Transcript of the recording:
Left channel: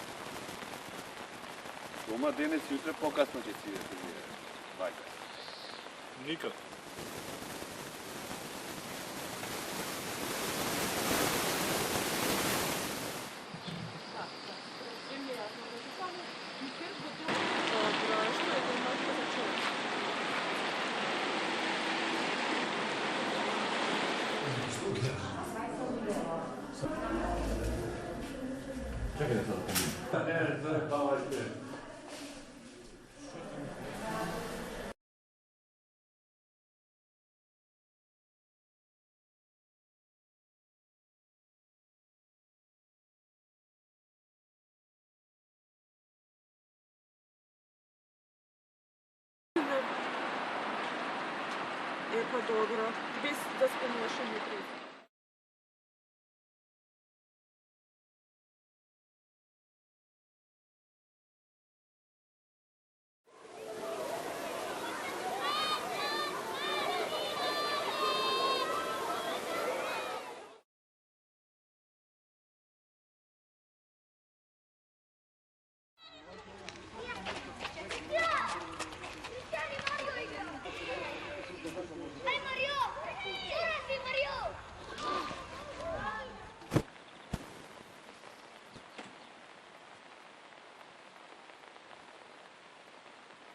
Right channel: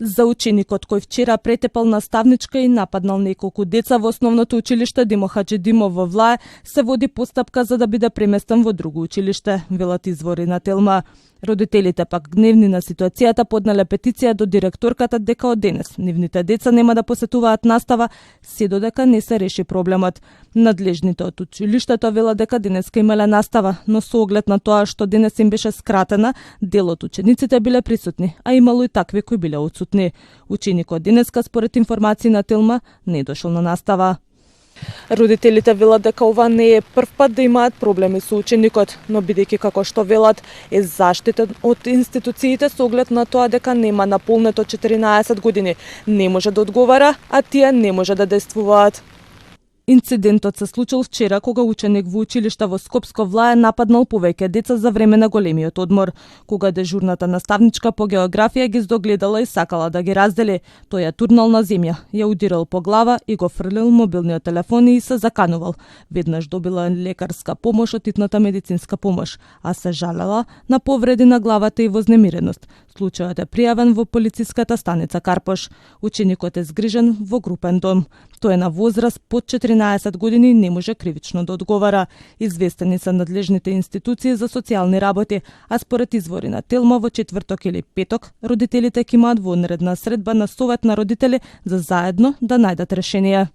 За ученикот кој вчера претепал наставничка и нападнал неколку деца во основното училиште Димо Хаджидимов во Влае, се води постапка за да биде преместен во друго училиште, велат извори на Телма. Родителите пак гневни на ситуацијата поднале петиција до директорката дека од денес нивните деца нема да посетуваат настава се додека не се реши проблемот. Надлежните од училиштето велат дека денеска имале настава, но со оглед на тоа што денес им беше скратена, дел од учениците биле присутни, а имало и такви кои биле отсутни. Ученикот денеска, според информации на Телма, не дошол на настава. Родителите велат дека ова не е прв пат да имаат проблеми со ученикот, но бидејќи како што велат е заштитен од институциите со оглед на тоа дека нема наполнето 14 години, не може да одговара, а тие не може да действуваат. Инцидентот се случил вчера кога ученик во училиште во Скопско Влае нападнал повеќе деца за време на големиот одмор. Кога дежурната наставничка по географија ги здогледала и сакала да ги раздели, тој ја турнал на земја, ја удирал по глава и го фрлил мобилниот телефон и се заканувал. Веднаш добила лекарска помош од итната медицинска помош, а се жалела на повреди на главата и вознемиреност. Случајот е пријавен во полициската станица Карпош. Ученикот е згрижен во групен дом. Тој е на возраст под 14 години и не може кривично да одговара. Известени се надлежните институции за социјални работи, а според извори на Телма во четврток или петок, родителите ќе имаат вонредна средба на Совет на родители за заедно да најдат решение.